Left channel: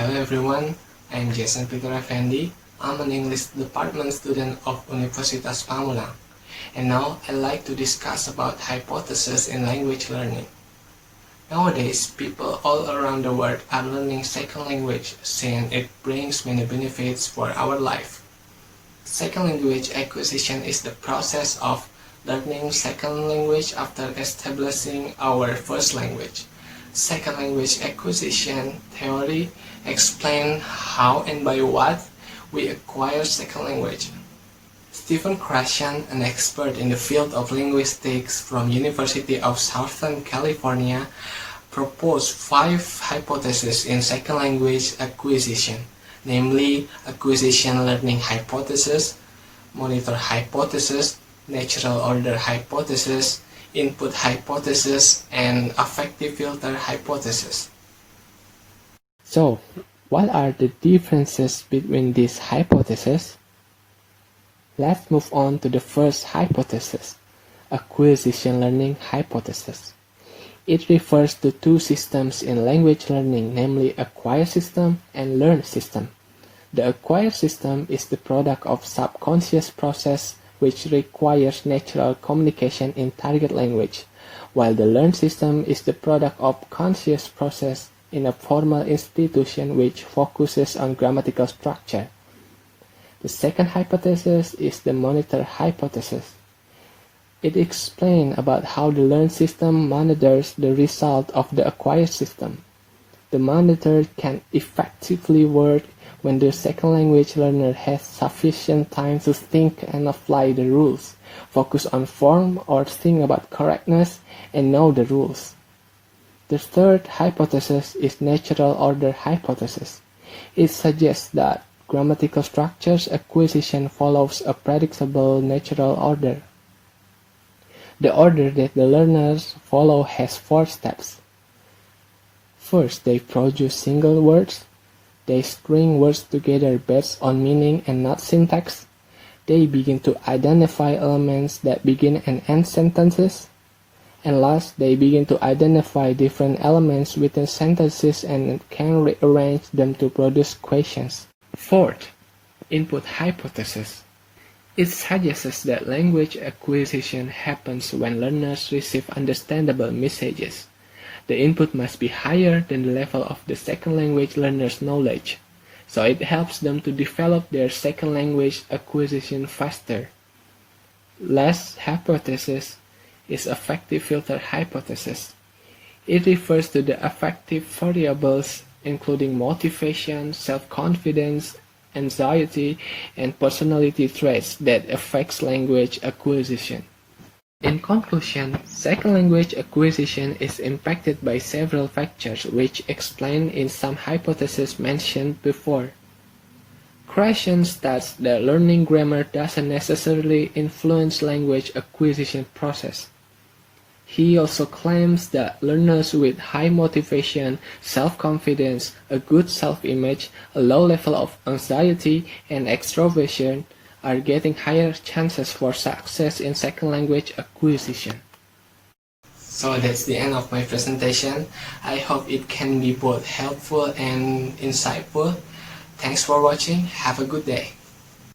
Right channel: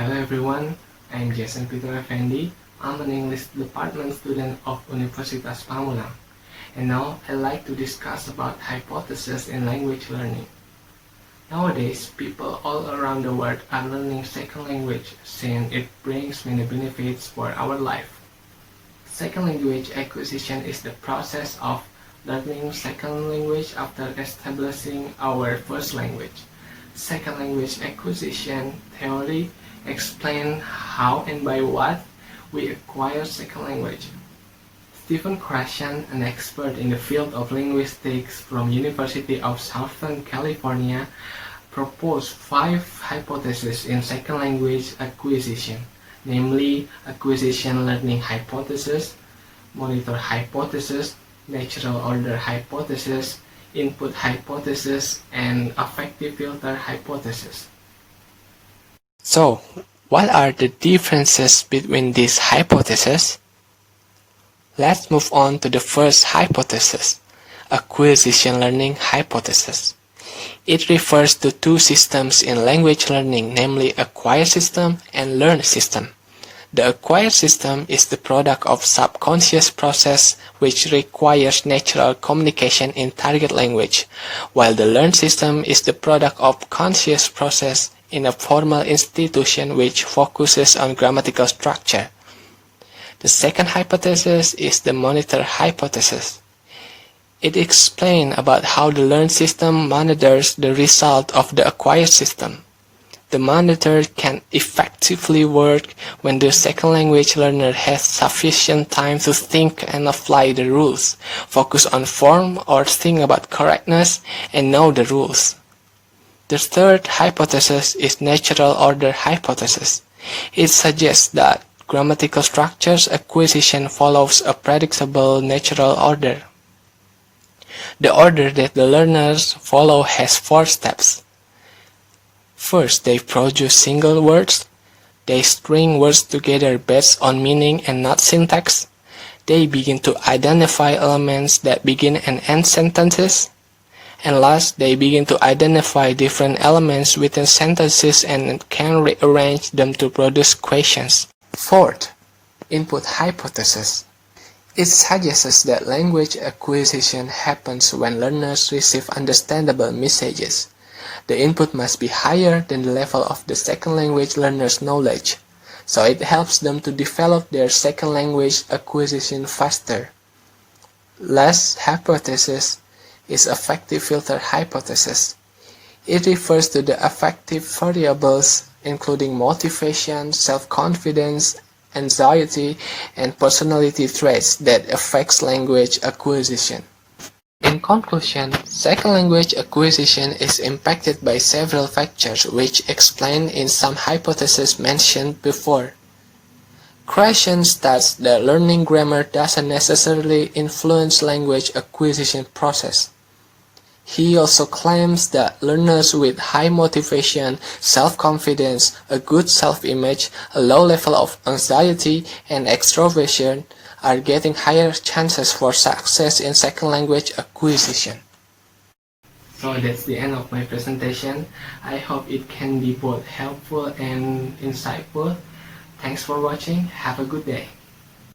Hello everyone, I'm Jason Peter Effendy. I'm an English department student of Universitas Pamulang. And now I'd like to discuss about hypotheses in language learning. Nowadays, people all around the world are learning second language since it brings many benefits for our life. Second language acquisition is the process of learning second language after establishing our first language. Second language acquisition theory explains how and by what we acquire second language. Stephen Krashen, an expert in the field of linguistics from University of Southern California, proposed 5 hypotheses in second language acquisition, namely acquisition learning hypothesis, monitor hypothesis, natural order hypothesis, input hypothesis, and affective filter hypothesis. So, what are the differences between these hypotheses? Let's move on to the first hypothesis, acquisition learning hypothesis. It refers to two systems in language learning, namely acquired system and learned system. The acquired system is the product of subconscious process which requires natural communication in target language, while the learned system is the product of conscious process in a formal institution which focuses on grammatical structure. The second hypothesis is the monitor hypothesis. It explains about how the learned system monitors the result of the acquired system. The monitor can effectively work when the second language learner has sufficient time to think and apply the rules, focus on form or think about correctness, and know the rules. The third hypothesis is natural order hypothesis. It suggests that grammatical structures acquisition follows a predictable natural order. The order that the learners follow has 4 steps. First, they produce single words. They string words together based on meaning and not syntax. They begin to identify elements that begin and end sentences. And last, they begin to identify different elements within sentences and can rearrange them to produce questions. Fourth, input hypothesis. It suggests that language acquisition happens when learners receive understandable messages. The input must be higher than the level of the second language learner's knowledge, so it helps them to develop their second language acquisition faster. Last hypothesis is affective filter hypothesis. It refers to the affective variables including motivation, self-confidence, anxiety, and personality traits that affects language acquisition. In conclusion, second language acquisition is impacted by several factors which explained in some hypotheses mentioned before. Krashen states that learning grammar doesn't necessarily influence language acquisition process. He also claims that learners with high motivation, self-confidence, a good self-image, a low level of anxiety, and extroversion are getting higher chances for success in second language acquisition. So that's the end of my presentation. I hope it can be both helpful and insightful. Thanks for watching. Have a good day.